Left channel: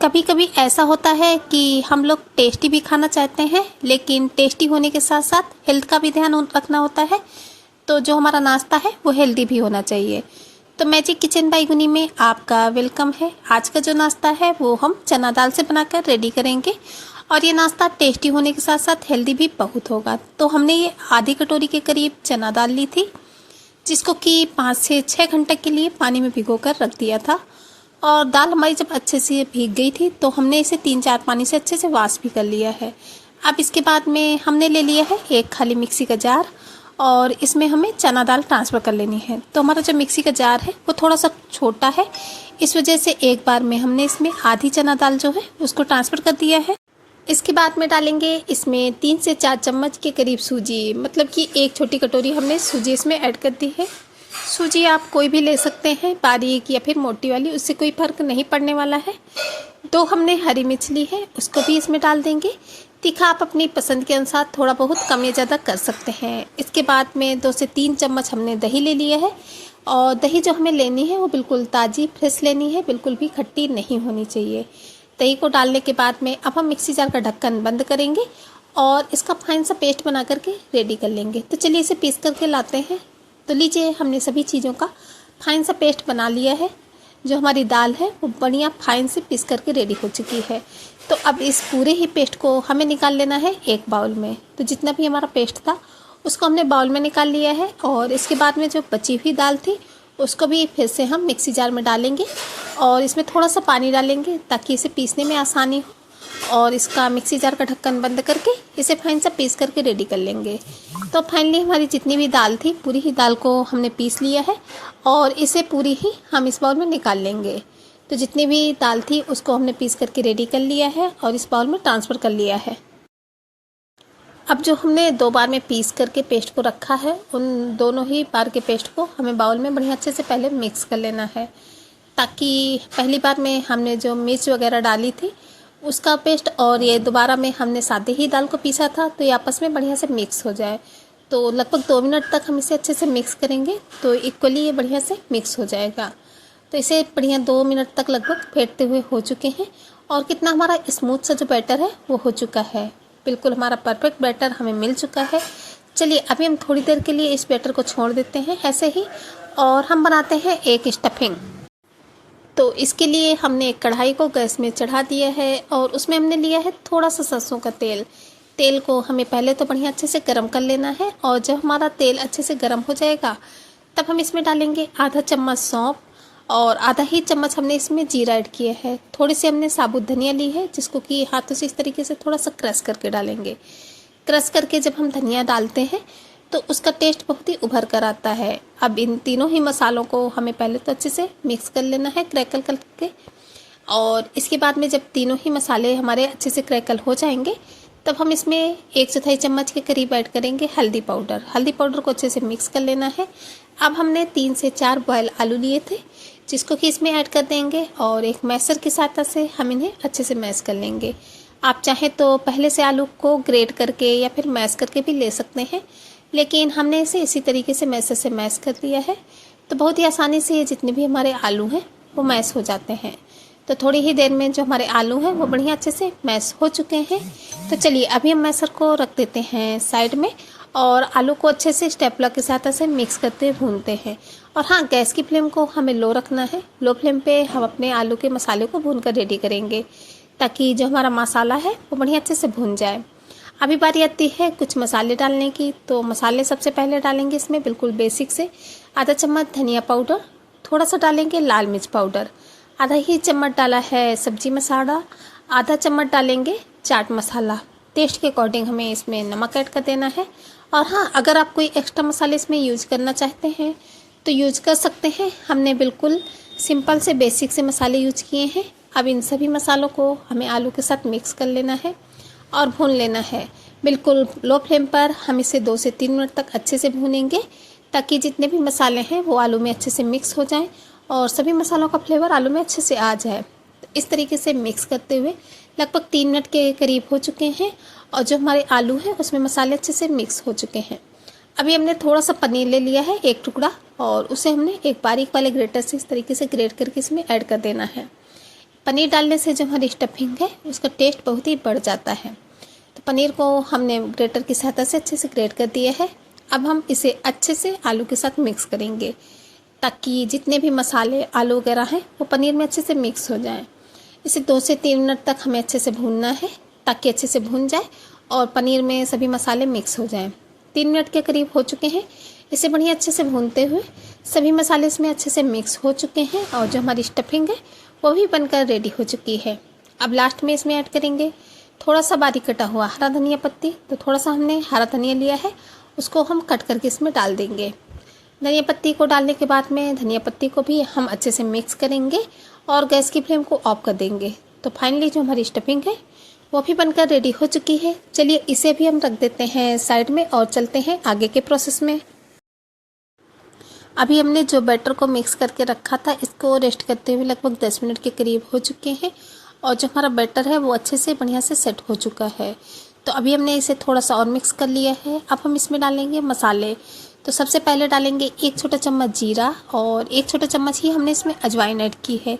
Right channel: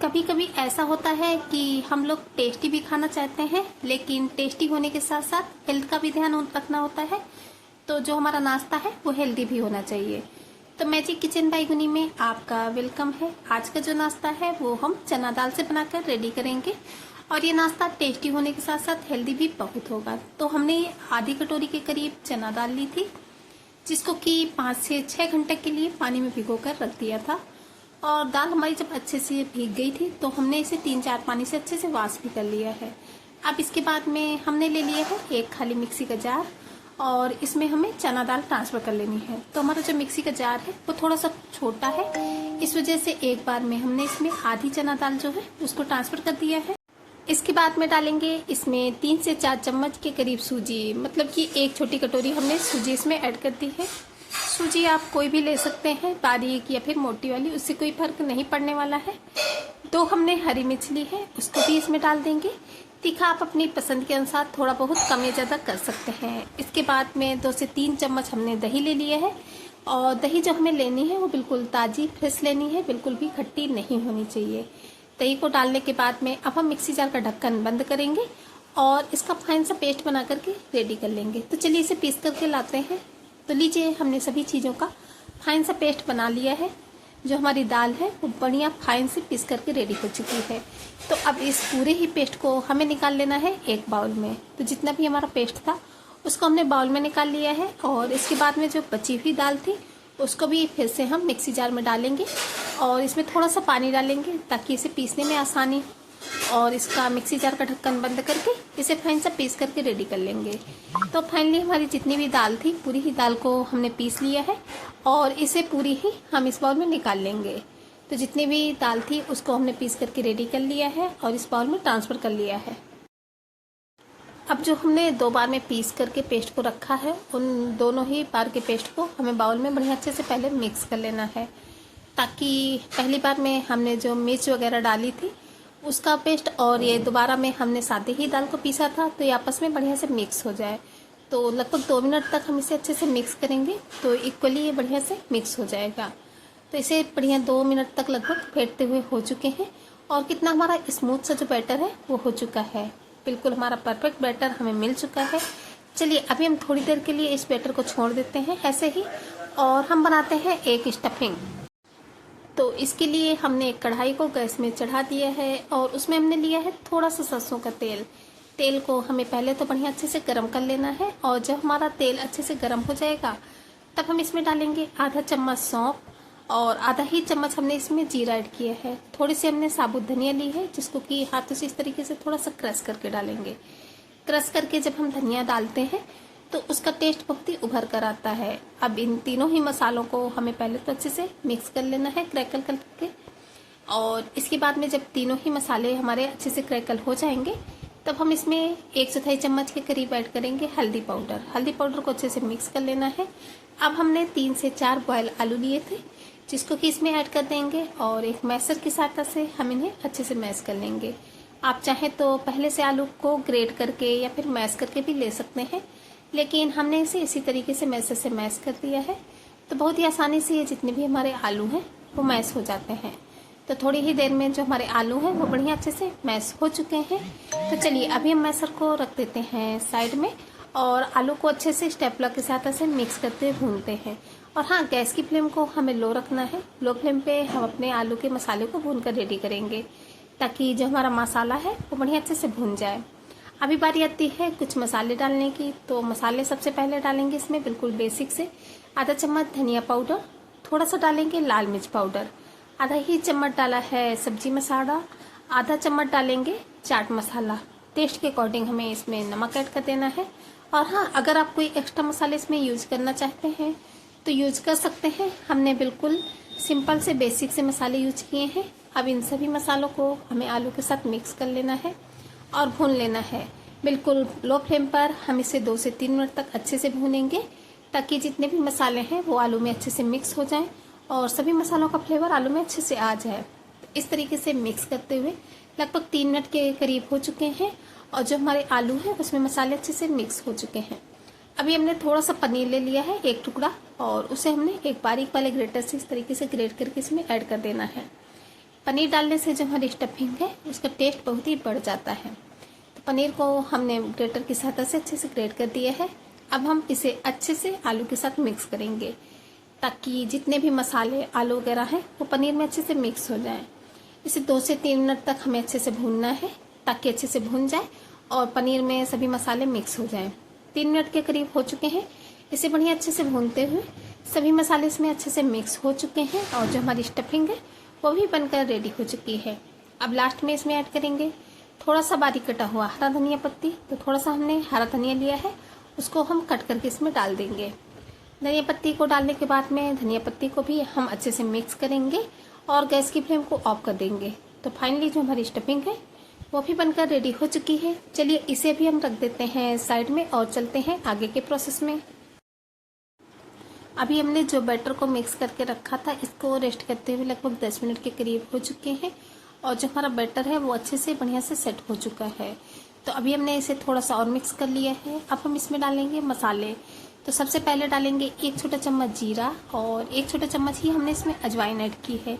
कभी कभी ऐसा होता है कि हम लोग टेस्टी भी खाना चाहते हैं, लेकिन टेस्टी होने के साथ साथ हेल्थ का भी ध्यान रखना होता है। तो जो हमारा नाश्ता है वो हेल्दी भी होना चाहिए। तो मैजिक किचन बाय गुनी में आपका वेलकम है। आज का जो नाश्ता है वो हम चना दाल से बनाकर रेडी करेंगे, और ये नाश्ता टेस्टी होने के साथ साथ हेल्दी भी बहुत होगा। तो हमने ये आधी कटोरी के करीब चना दाल ली थी, जिसको कि 5 से 6 घंटे के लिए पानी में भिगोकर रख दिया था। और दाल हमारी जब अच्छे से भीग गई थी तो हमने इसे 3-4 पानी से अच्छे से वॉश भी कर लिया है। अब इसके बाद में हमने ले लिया है एक खाली मिक्सी का जार, और इसमें हमें चना दाल ट्रांसफ़र कर लेनी है। तो हमारा जो मिक्सी का जार है वो थोड़ा सा छोटा है, इस वजह से एक बार में हमने इसमें आधी चना दाल जो है उसको ट्रांसफ़र कर दिया है। इसके बाद में डालेंगे इसमें 3 से 4 चम्मच के करीब सूजी, मतलब कि एक छोटी कटोरी हमने सूजी इसमें ऐड कर दी है। सूजी आप कोई भी ले सकते हैं, बारीक या फिर मोटी वाली, उससे कोई फ़र्क नहीं पड़ने वाला है। 2 हमने हरी मिर्च ली है, उसको भी इसमें डाल देंगे। तीखा आप अपनी पसंद के अनुसार थोड़ा बहुत कम या ज़्यादा कर सकते हैं। इसके बाद में 2 से 3 चम्मच हमने दही ले लिया है, और दही जो हमें लेनी है वो बिल्कुल ताज़ी फ्रेश लेनी है, बिल्कुल भी खट्टी नहीं होनी चाहिए। दही को डालने के बाद में अब हम मिक्सी जार का ढक्कन बंद करेंगे और इसका फाइन सा पेस्ट बना करके रेडी कर लेंगे। तो चलिए इसे पीस करके लाते हैं। तो लीजिए, हमने सभी चीज़ों का फाइन सा पेस्ट बना लिया है। जो हमारी दाल है वो बढ़िया फाइन से पीस करके रेडी हो चुकी है। तो अब इस पूरे ही पेस्ट को हमें निकाल लेना है एक बाउल में। तो जितना भी हमारा पेस्ट था उसको हमने बाउल में निकाल लिया है, और इसके बाद में जो बची हुई दाल थी उसको भी फिर से हम मिक्सी जार में डालेंगे, और इसमें थोड़ा सा पानी डालेंगे ताकि इसे पीसने में आसानी हो। और इसका मिक्सी जार का ढक्कन बंद करके इसे फाइन सा पीस करके रेडी कर लेंगे। तो फाइनली हमारी जितनी भी दाल थी पूरी ही दाल को हमने पीस लिया है, और इसे पूरी ही हम इस बाउल में निकाल लेंगे। तो जितनी भी दाल थी उसको हमने पीस करके रेडी कर लिया है और इस बाउल में ट्रांसफ़र कर लिया है। अब जो हमने 2 बार में पीस करके पेस्ट को रखा है, उन दोनों ही बार के पेस्ट को हमें बाउल में बढ़िया अच्छे से पहले मिक्स कर लेना है, ताकि पहली बार में हमने जो मिर्च वगैरह डाली थी उसका पेस्ट और ये दोबारा में हमने सादे ही दाल को पीसा था, तो ये आपस में बढ़िया से मिक्स हो जाए। तो लगभग 2 मिनट तक हम इसे अच्छे से मिक्स करेंगे, तो इक्वली ये बढ़िया से मिक्स हो जाएगा। तो इसे बढ़िया 2 मिनट तक लगभग फेंटते हुए हो चुके हैं, और कितना हमारा स्मूथ सा जो बैटर है वो हो चुका है। बिल्कुल हमारा परफेक्ट बैटर हमें मिल चुका है। चलिए अभी हम थोड़ी देर के लिए इस बैटर को छोड़ देते हैं ऐसे ही, और हम बनाते हैं एक स्टफिंग। तो इसके लिए हमने एक कढ़ाई को गैस में चढ़ा दिया है, और उसमें हमने लिया है थोड़ा सा सरसों का तेल। तेल को हमें पहले तो बढ़िया अच्छे से गर्म कर लेना है, और जब हमारा तेल अच्छे से गर्म हो जाएगा तब हम इसमें डालेंगे आधा चम्मच सौंफ, और आधा ही चम्मच हमने इसमें जीरा ऐड किया है। थोड़ी सी हमने साबुत धनिया ली है, जिसको कि हाथों से इस तरीके से थोड़ा सा क्रश करके डालेंगे। क्रश करके जब हम धनिया डालते हैं तो उसका टेस्ट बहुत ही उभर कर आता है। अब इन तीनों ही मसालों को हमें पहले तो अच्छे से मिक्स कर लेना है क्रैकल करके, और इसके बाद में जब तीनों ही मसाले हमारे अच्छे से क्रैकल हो जाएंगे तब हम इसमें 1/4 चम्मच के करीब ऐड करेंगे हल्दी पाउडर। हल्दी पाउडर को अच्छे से मिक्स कर लेना है। अब हमने 3 से 4 बॉयल आलू लिए थे, जिसको कि इसमें ऐड कर देंगे, और एक मैशर की सहायता से हम इन्हें अच्छे से मैश कर लेंगे। आप चाहें तो पहले से आलू को ग्रेट करके या फिर मैश करके भी ले सकते हैं, लेकिन हमने इसे इसी तरीके से मैशर से मैश कर दिया है। तो बहुत ही आसानी से ये जितने भी हमारे आलू हैं वो मैश हो जाते हैं। तो थोड़ी ही देर में जो हमारे आलू हैं वो बढ़िया अच्छे से मैश हो चुके हैं। तो चलिए अभी हम मैशर को रख देते हैं साइड में, और आलू को अच्छे से स्टेपलर के साथ ऐसे मिक्स करते भूनते हैं। और हाँ, गैस की फ्लेम को हमें लो रखना है। लो फ्लेम पे हम अपने आलू के मसाले को भून कर रेडी करेंगे, ताकि जो हमारा मसाला है वो बढ़िया अच्छे से भून जाए। अभी बारी आती है कुछ मसाले डालने की। तो मसाले सबसे पहले डालेंगे इसमें बिल्कुल बेसिक से आधा चम्मच धनिया पाउडर, थोड़ा सा डालेंगे लाल मिर्च पाउडर, आधा ही चम्मच डाला है सब्जी मसाला, आधा चम्मच डालेंगे चाट मसाला। टेस्ट के अकॉर्डिंग हमें इसमें नमक ऐड कर देना है। और हाँ, अगर आप कोई एक्स्ट्रा मसाले इसमें यूज़ करना चाहते हैं तो यूज कर सकते हैं। हमने बिल्कुल सिंपल से बेसिक से मसाले यूज किए हैं। अब इन सभी मसालों को हमें आलू के साथ मिक्स कर लेना है और भून लेना है। बिल्कुल लो फ्लेम पर हम इसे 2 से 3 मिनट तक अच्छे से भूनेंगे, ताकि जितने भी मसाले हैं वो आलू में अच्छे से मिक्स हो जाएं और सभी मसालों का फ्लेवर आलू में अच्छे से आ जाए। तो इस तरीके से मिक्स करते हुए लगभग 3 मिनट के करीब हो चुके हैं, और जो हमारे आलू हैं उसमें मसाले अच्छे से मिक्स हो चुके हैं। अभी हमने थोड़ा सा पनीर ले लिया है, 1 टुकड़ा, और उसे हमने एक बारीक वाले ग्रेटर से इस तरीके से ग्रेट करके इसमें ऐड कर देना है। पनीर डालने से जो हमारी स्टफिंग है उसका टेस्ट बहुत ही बढ़ जाता है। तो पनीर को हमने ग्रेटर की सहायता से अच्छे से ग्रेट कर दिया है। अब हम इसे अच्छे से आलू के साथ मिक्स करेंगे ताकि जितने भी मसाले आलू वगैरह हैं वो पनीर में अच्छे से मिक्स हो जाएं। इसे 2 से 3 मिनट तक हमें अच्छे से भूनना है ताकि अच्छे से भून जाए और पनीर में सभी मसाले मिक्स हो जाएं। 3 मिनट के करीब हो चुके हैं। इसे बढ़िया अच्छे से भूनते हुए सभी मसाले इसमें अच्छे से मिक्स हो चुके हैं और जो हमारी स्टफिंग है वो भी बनकर रेडी हो चुकी है। अब लास्ट में इसमें ऐड करेंगे थोड़ा सा बारीक कटा हुआ हरा धनिया पत्ती। तो थोड़ा सा हमने हरा धनिया लिया है, उसको हम कट करके इसमें डाल देंगे। धनिया पत्ती को डालने के बाद में धनिया पत्ती को भी हम अच्छे से मिक्स करेंगे और गैस की फ्लेम को ऑफ कर देंगे। तो फाइनली जो हमारी स्टफिंग है वो भी बनकर रेडी हो चुकी है। चलिए इसे भी हम रख देते हैं साइड में और चलते हैं आगे के प्रोसेस में। अभी हमने जो बैटर को मिक्स करके रखा था इसको रेस्ट करते हुए लगभग 10 मिनट के करीब हो चुके हैं और जो हमारा बैटर है वो अच्छे से बढ़िया से सेट हो चुका है। तो अभी हमने इसे थोड़ा सा और मिक्स कर लिया है। अब हम इसमें डालेंगे मसाले। तो सबसे पहले डालेंगे 1 छोटा चम्मच जीरा और 1 छोटा चम्मच ही हमने इसमें अजवाइन ऐड की है,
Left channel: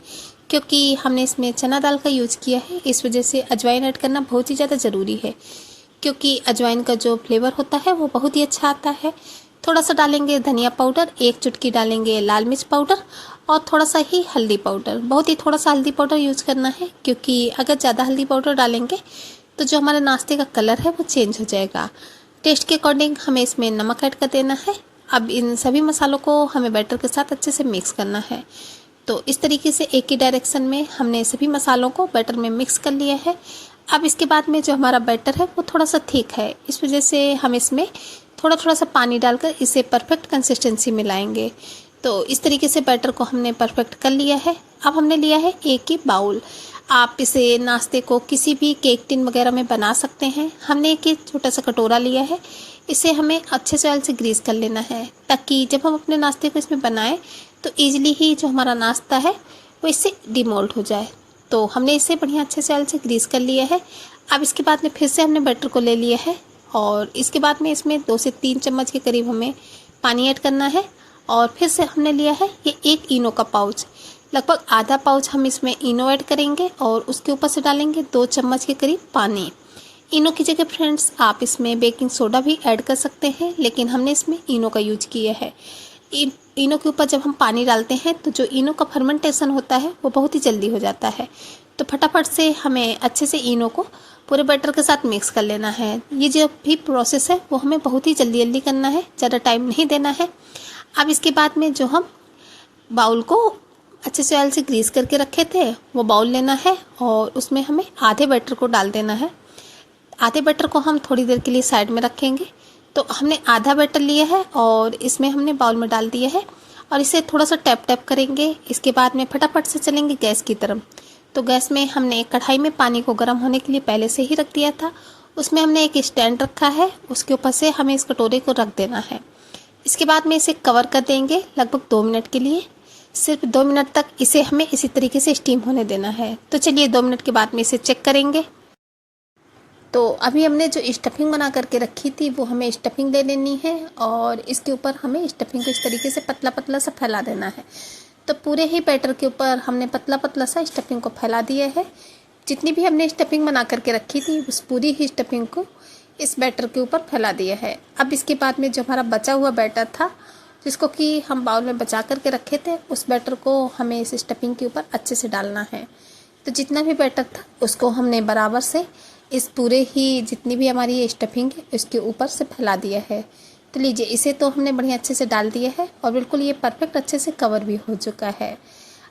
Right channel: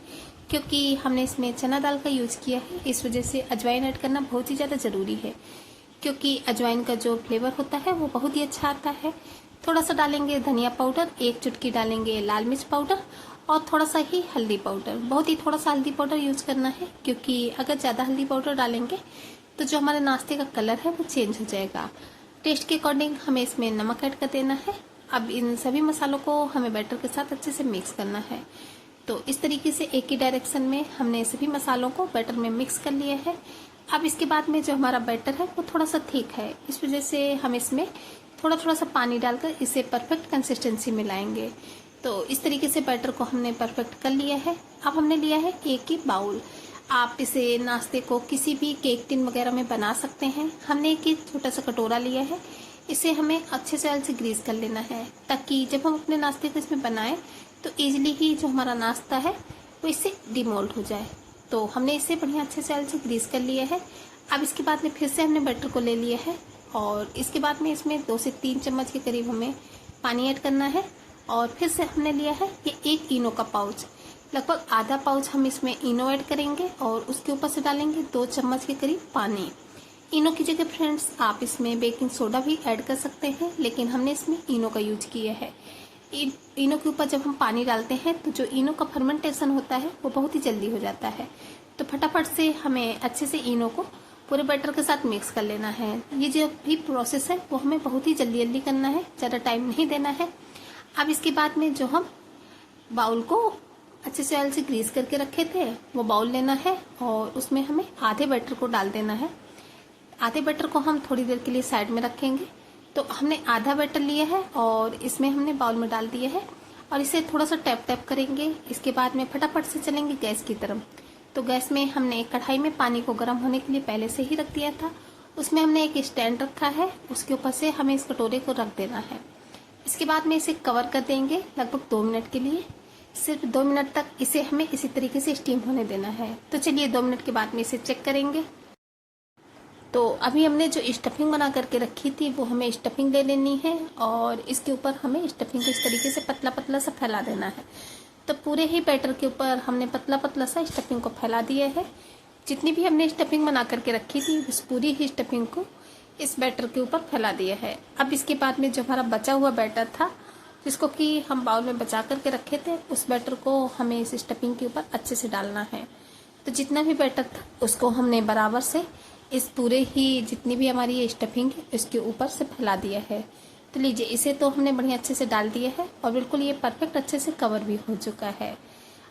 क्योंकि हमने इसमें चना दाल का यूज़ किया है। इस वजह से अजवाइन ऐड करना बहुत ही ज़्यादा ज़रूरी है, क्योंकि अजवाइन का जो फ्लेवर होता है वो बहुत ही अच्छा आता है। थोड़ा सा डालेंगे धनिया पाउडर, 1 चुटकी डालेंगे लाल मिर्च पाउडर और थोड़ा सा ही हल्दी पाउडर। बहुत ही थोड़ा सा हल्दी पाउडर यूज़ करना है, क्योंकि अगर ज़्यादा हल्दी पाउडर डालेंगे तो जो हमारे नाश्ते का कलर है वो चेंज हो जाएगा। टेस्ट के अकॉर्डिंग हमें इसमें नमक ऐड कर देना है। अब इन सभी मसालों को हमें बैटर के साथ अच्छे से मिक्स करना है। तो इस तरीके से एक ही डायरेक्शन में हमने सभी मसालों को बैटर में मिक्स कर लिया है। अब इसके बाद में जो हमारा बैटर है वो थोड़ा सा थिक है, इस वजह से हम इसमें थोड़ा थोड़ा सा पानी डालकर इसे परफेक्ट कंसिस्टेंसी में लाएंगे। तो इस तरीके से बैटर को हमने परफेक्ट कर लिया है। अब हमने लिया है एक ही बाउल। आप इसे नाश्ते को किसी भी केक टिन वगैरह में बना सकते हैं। हमने एक छोटा सा कटोरा लिया है, इसे हमें अच्छे से ऑयल से ग्रीस कर लेना है ताकि जब हम अपने नाश्ते को इसमें बनाएं तो ईजिली ही जो हमारा नाश्ता है वो इससे डिमोल्ड हो जाए। तो हमने इसे बढ़िया अच्छे से ऑयल से ग्रीस कर लिया है। अब इसके बाद में फिर से हमने बैटर को ले लिया है और इसके बाद में इसमें 2 से 3 चम्मच के करीब हमें पानी ऐड करना है और फिर से हमने लिया है ये 1 इनो का पाउच। लगभग आधा पाउच हम इसमें इनो ऐड करेंगे और उसके ऊपर से डालेंगे 2 चम्मच के करीब पानी। इनो की जगह फ्रेंड्स आप इसमें बेकिंग सोडा भी ऐड कर सकते हैं, लेकिन हमने इसमें इनो का यूज किया है। इनो के ऊपर जब हम पानी डालते हैं तो जो इनो का फर्मेंटेशन होता है वो बहुत ही जल्दी हो जाता है। तो फटाफट से हमें अच्छे से इनो को पूरे बैटर के साथ मिक्स कर लेना है। ये जो भी प्रोसेस है वो हमें बहुत ही जल्दी जल्दी करना है, ज़्यादा टाइम नहीं देना है। अब इसके बाद में जो हम बाउल को अच्छे से ऑयल से ग्रीस करके रखे थे वो बाउल लेना है और उसमें हमें आधे बैटर को डाल देना है। आधे बैटर को हम थोड़ी देर के लिए साइड में रखेंगे। तो हमने आधा बैटर लिया है और इसमें हमने बाउल में डाल दिया है और इसे थोड़ा सा टैप टैप करेंगे। इसके बाद में फटाफट से चलेंगे गैस की तरफ। तो गैस में हमने एक कढ़ाई में पानी को गर्म होने के लिए पहले से ही रख दिया था। उसमें हमने एक स्टैंड रखा है, उसके ऊपर से हमें इस कटोरे को रख देना है। इसके बाद में इसे कवर कर देंगे लगभग 2 मिनट के लिए। सिर्फ 2 मिनट तक इसे हमें इसी तरीके से स्टीम होने देना है। तो चलिए 2 मिनट के बाद में इसे चेक करेंगे। तो अभी हमने जो स्टफिंग बना करके रखी थी वो हमें स्टफिंग ले लेनी है और इसके ऊपर हमें स्टफिंग को इस तरीके से पतला पतला सा फैला देना है। तो पूरे ही बैटर के ऊपर हमने पतला पतला सा स्टफिंग को फैला दिया है। जितनी भी हमने स्टफिंग बना करके रखी थी उस पूरी ही स्टफिंग को इस बैटर के ऊपर फैला दिया है। अब इसके बाद में जो हमारा बचा हुआ बैटर था जिसको कि हम बाउल में बचा करके रखे थे, उस बैटर को हमें इस स्टफिंग के ऊपर अच्छे से डालना है। तो जितना भी बैटर था उसको हमने बराबर से इस पूरे ही जितनी भी हमारी ये स्टफिंग है उसके ऊपर से फैला दिया है। तो लीजिए इसे तो हमने बढ़िया अच्छे से डाल दिया है और बिल्कुल ये परफेक्ट अच्छे से कवर भी हो चुका है।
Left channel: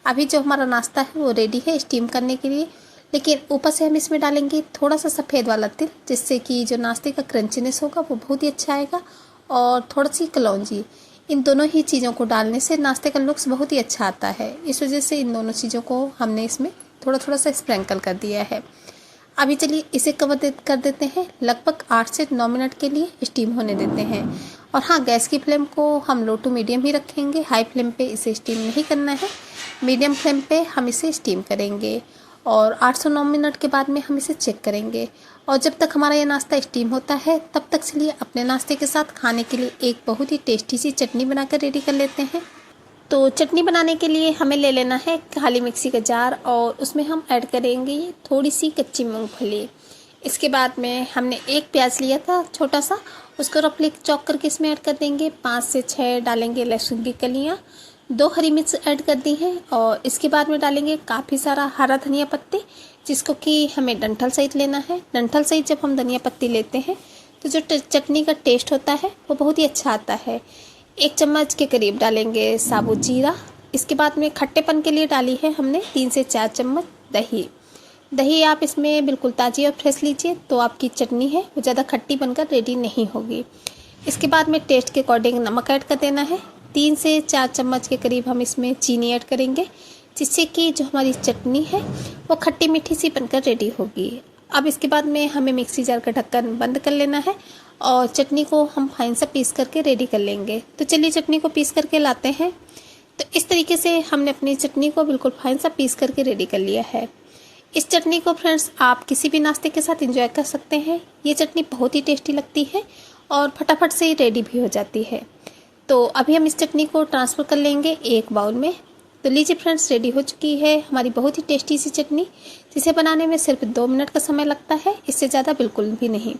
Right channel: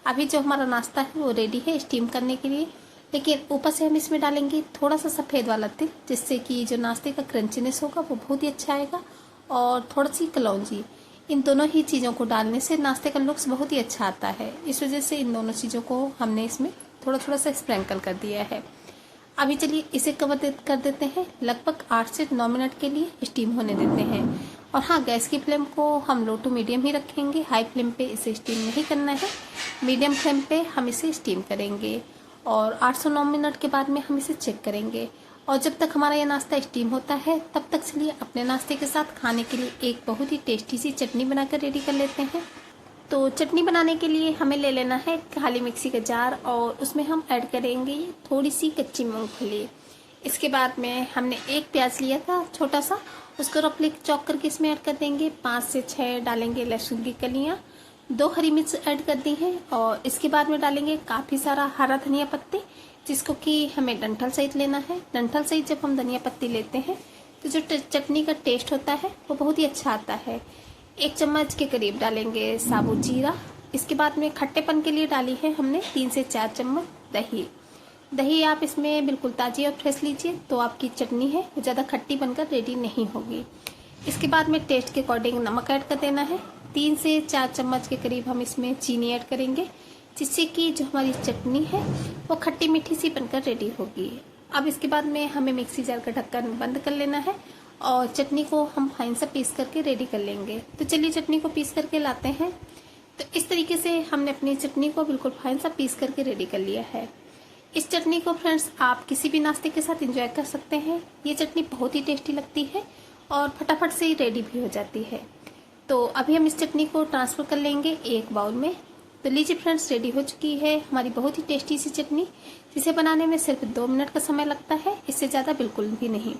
अभी जो हमारा नाश्ता है वो रेडी है स्टीम करने के लिए, लेकिन ऊपर से हम इसमें डालेंगे थोड़ा सा सफ़ेद वाला तिल, जिससे कि जो नाश्ते का क्रंचीनेस होगा वो बहुत ही अच्छा आएगा, और थोड़ी सी कलौंजी। इन दोनों ही चीज़ों को डालने से नाश्ते का लुक्स बहुत ही अच्छा आता है। इस वजह से इन दोनों चीज़ों को हमने इसमें थोड़ा थोड़ा सा स्प्रिंकल कर दिया है। अभी चलिए इसे कर देते हैं, लगभग 8 से 9 मिनट के लिए स्टीम होने देते हैं। और हाँ, गैस की फ्लेम को हम लो टू मीडियम ही रखेंगे, हाई फ्लेम पे इसे स्टीम नहीं करना है। मीडियम फ्लेम पे हम इसे स्टीम करेंगे और 8 से 9 मिनट के बाद में हम इसे चेक करेंगे। और जब तक हमारा ये नाश्ता स्टीम होता है तब तक चलिए अपने नाश्ते के साथ खाने के लिए एक बहुत ही टेस्टी सी चटनी बनाकर रेडी कर लेते हैं। तो चटनी बनाने के लिए हमें ले लेना है खाली मिक्सी का जार और उसमें हम ऐड करेंगे थोड़ी सी कच्ची मूंगफली। इसके बाद में हमने एक प्याज लिया था छोटा सा, उसको रफली चॉप करके इसमें ऐड कर देंगे। 5 से 6 डालेंगे लहसुन की कलियाँ, 2 हरी मिर्च ऐड कर दी हैं और इसके बाद में डालेंगे काफ़ी सारा हरा धनिया पत्ती, जिसको कि हमें डंठल सहित लेना है। डंठल सहित जब हम धनिया पत्ती लेते हैं तो जो चटनी का टेस्ट होता है वो बहुत ही अच्छा आता है। 1 चम्मच के करीब डालेंगे साबुत जीरा। इसके बाद में खट्टेपन के लिए डाली है हमने 3 से 4 चम्मच दही। दही आप इसमें बिल्कुल ताज़ी और फ्रेश लीजिए, तो आपकी चटनी है वो ज़्यादा खट्टी बनकर रेडी नहीं होगी। इसके बाद में टेस्ट के अकॉर्डिंग नमक ऐड कर देना है। 3 से 4 चम्मच के करीब हम इसमें चीनी ऐड करेंगे, जिससे कि जो हमारी चटनी है वो खट्टी मीठी सी बनकर रेडी होगी। अब इसके बाद में हमें मिक्सी जार का ढक्कन बंद कर लेना है और चटनी को हम फाइन सा पीस करके रेडी कर लेंगे। तो चलिए चटनी को पीस करके लाते हैं। तो इस तरीके से हमने अपनी चटनी को बिल्कुल फाइन सा पीस करके रेडी कर लिया है। इस चटनी को फ्रेंड्स आप किसी भी नाश्ते के साथ एंजॉय कर सकते हैं। ये चटनी बहुत ही टेस्टी लगती है और फटाफट से ही रेडी भी हो जाती है। तो अभी हम इस चटनी को ट्रांसफ़र कर लेंगे एक बाउल में। तो लीजिए फ्रेंड्स, रेडी हो चुकी है हमारी बहुत ही टेस्टी सी चटनी, जिसे बनाने में सिर्फ 2 मिनट का समय लगता है, इससे ज़्यादा बिल्कुल भी नहीं।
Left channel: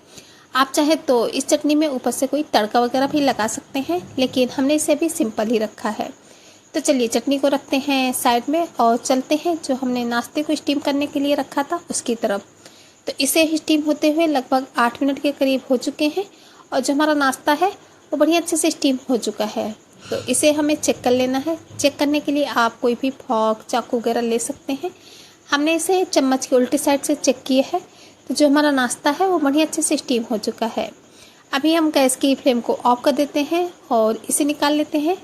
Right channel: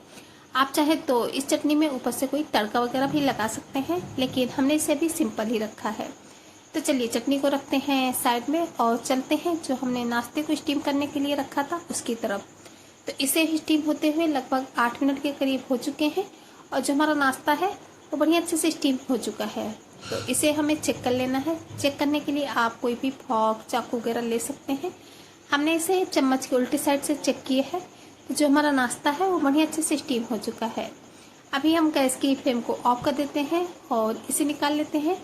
आप चाहे तो इस चटनी में ऊपर से कोई तड़का वगैरह भी लगा सकते हैं, लेकिन हमने इसे भी सिंपल ही रखा है। तो चलिए चटनी को रखते हैं साइड में और चलते हैं जो हमने नाश्ते को स्टीम करने के लिए रखा था उसकी तरफ। तो इसे स्टीम होते हुए लगभग 8 मिनट के करीब हो चुके हैं और जो हमारा नाश्ता है वो बढ़िया अच्छे से स्टीम हो चुका है। तो इसे हमें चेक कर लेना है। चेक करने के लिए आप कोई भी फॉर्क चाकू वगैरह ले सकते हैं। हमने इसे चम्मच की उल्टी साइड से चेक किया है, तो जो हमारा नाश्ता है वो बढ़िया अच्छे से स्टीम हो चुका है। अभी हम गैस की फ्लेम को ऑफ कर देते हैं और इसे निकाल लेते हैं।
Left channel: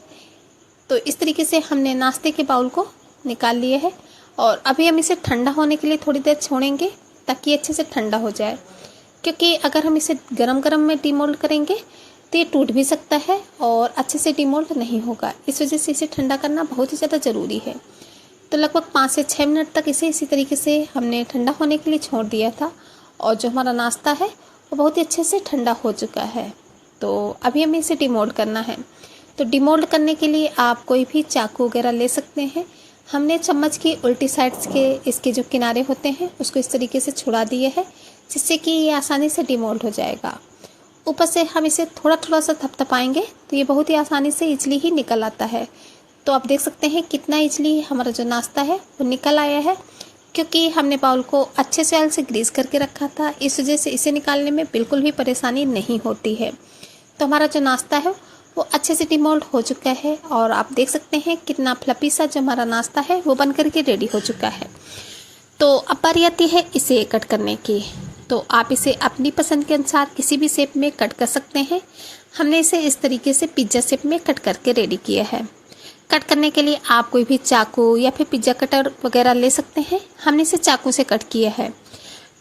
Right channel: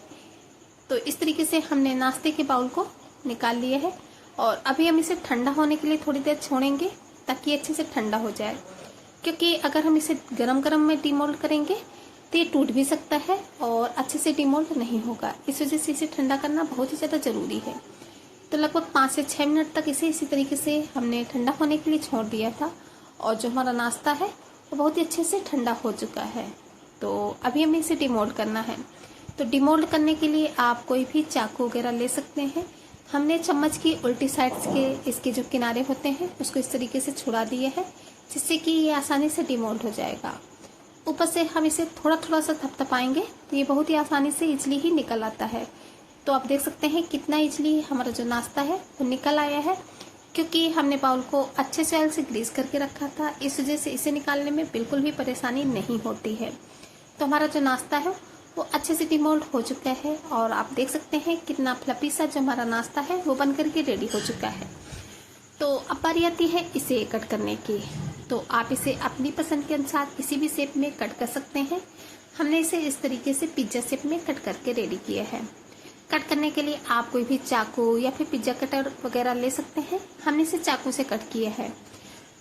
तो इस तरीके से हमने नाश्ते के बाउल को निकाल लिया है और अभी हम इसे ठंडा होने के लिए थोड़ी देर छोड़ेंगे, ताकि अच्छे से ठंडा हो जाए, क्योंकि अगर हम इसे गरम गरम में डीमोल्ड करेंगे तो ये टूट भी सकता है और अच्छे से डीमोल्ड नहीं होगा। इस वजह से इसे ठंडा करना बहुत ही ज़्यादा ज़रूरी है। तो लगभग 5 से 6 मिनट तक इसे इसी तरीके से हमने ठंडा होने के लिए छोड़ दिया था और जो हमारा नाश्ता है वो बहुत ही अच्छे से ठंडा हो चुका है। तो अभी हमें इसे डीमोल्ड करना है। तो डीमोल्ड करने के लिए आप कोई भी चाकू वगैरह ले सकते हैं। हमने चम्मच की उल्टी साइड्स के इसके जो किनारे होते हैं उसको इस तरीके से छुड़ा दिए है, जिससे कि ये आसानी से डीमोल्ड हो जाएगा। ऊपर से हम इसे थोड़ा थोड़ा सा थपथपाएंगे तो ये बहुत ही आसानी से इजली ही निकल आता है। तो आप देख सकते हैं कितना इजली हमारा जो नाश्ता है वो निकल आया है, क्योंकि हमने बाउल को अच्छे से ऑयल से ग्रीस करके रखा था। इस वजह से इसे निकालने में बिल्कुल भी परेशानी नहीं होती है। तो हमारा जो नाश्ता है वो अच्छे से डीमोल्ड हो चुका है और आप देख सकते हैं कितना फ्लफी सा जो हमारा नाश्ता है वो बन करके रेडी हो चुका है। तो अब बारी आती है इसे कट करने की। तो आप इसे अपनी पसंद के अनुसार किसी भी शेप में कट कर सकते हैं। हमने इसे इस तरीके से पिज्ज़ा शेप में कट करके रेडी किया है। कट करने के लिए आप कोई भी चाकू या फिर पिज्ज़ा कटर वगैरह ले सकते हैं। हमने इसे चाकू से कट किया है।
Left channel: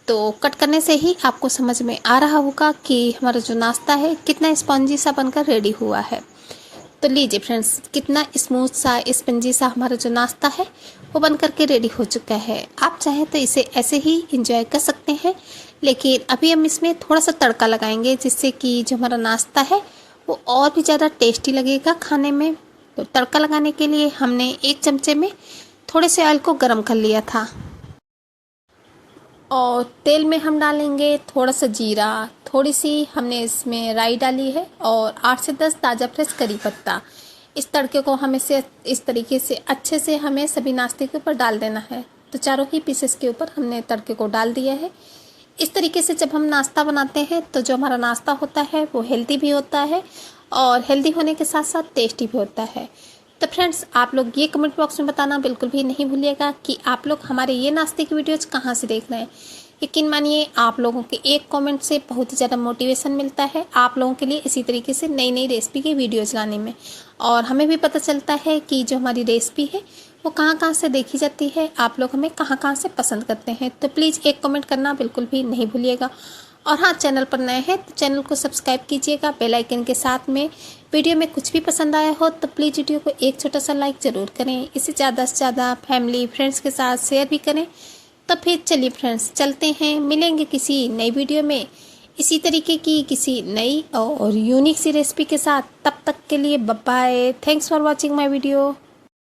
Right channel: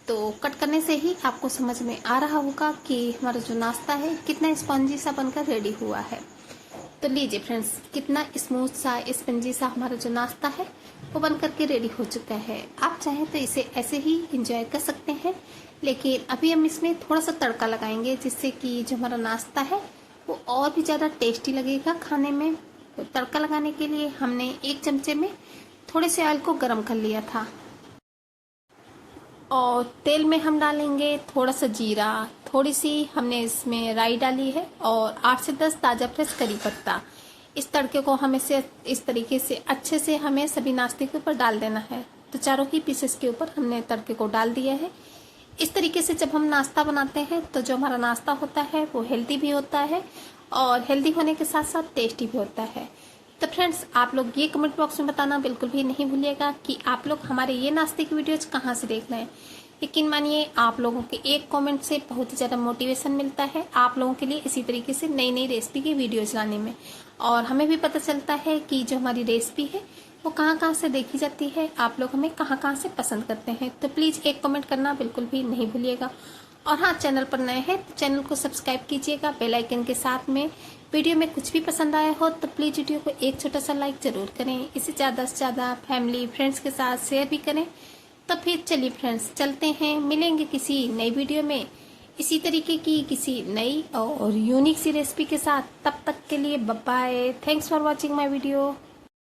तो कट करने से ही आपको समझ में आ रहा होगा कि हमारा जो नाश्ता है कितना स्पंजी सा बनकर रेडी हुआ है। तो लीजिए फ्रेंड्स, कितना स्मूथ सा स्पंजी सा हमारा जो नाश्ता है वो बन करके रेडी हो चुका है। आप चाहें तो इसे ऐसे ही इंजॉय कर सकते हैं, लेकिन अभी हम इसमें थोड़ा सा तड़का लगाएंगे, जिससे कि जो हमारा नाश्ता है वो और भी ज़्यादा टेस्टी लगेगा खाने में। तो तड़का लगाने के लिए हमने 1 चमचे में थोड़े से ऑयल को गर्म कर लिया था और तेल में हम डालेंगे थोड़ा सा जीरा, थोड़ी सी हमने इसमें राई डाली है और 8 से 10 ताज़ा फ्रेश करी पत्ता। इस तड़के को हमें से इस तरीके से अच्छे से हमें सभी नाश्ते के ऊपर डाल देना है। तो चारों ही पीसेस के ऊपर हमने तड़के को डाल दिया है। इस तरीके से जब हम नाश्ता बनाते हैं तो जो हमारा नाश्ता होता है वो हेल्दी भी होता है और हेल्दी होने के साथ साथ टेस्टी भी होता है। तो फ्रेंड्स, आप लोग ये कमेंट बॉक्स में बताना बिल्कुल भी नहीं भूलिएगा कि आप लोग हमारे ये नाश्ते की वीडियोज कहाँ से देख रहे हैं। यकीन मानिए, आप लोगों के एक कमेंट से बहुत ही ज़्यादा मोटिवेशन मिलता है आप लोगों के लिए इसी तरीके से नई नई रेसिपी की वीडियोज़ लाने में, और हमें भी पता चलता है कि जो हमारी रेसिपी है वो कहाँ कहाँ से देखी जाती है, आप लोग हमें कहाँ कहाँ से पसंद करते हैं। तो प्लीज़ एक कमेंट करना बिल्कुल भी नहीं भूलिएगा। और हाँ, चैनल पर नए हैं तो चैनल को सब्सक्राइब कीजिएगा बेल आइकन के साथ में। वीडियो में कुछ भी पसंद आया हो तो प्लीज़ वीडियो को एक छोटा सा लाइक ज़रूर करें। इसे ज़्यादा से ज़्यादा फैमिली फ्रेंड्स के साथ शेयर भी करें। तो फिर चलिए फ्रेंड्स, चलते हैं, मिलेंगे किसी नई वीडियो में इसी तरीके की किसी नई और यूनिक सी रेसिपी के साथ। तब तक के लिए bye bye. Thanks for watching my video.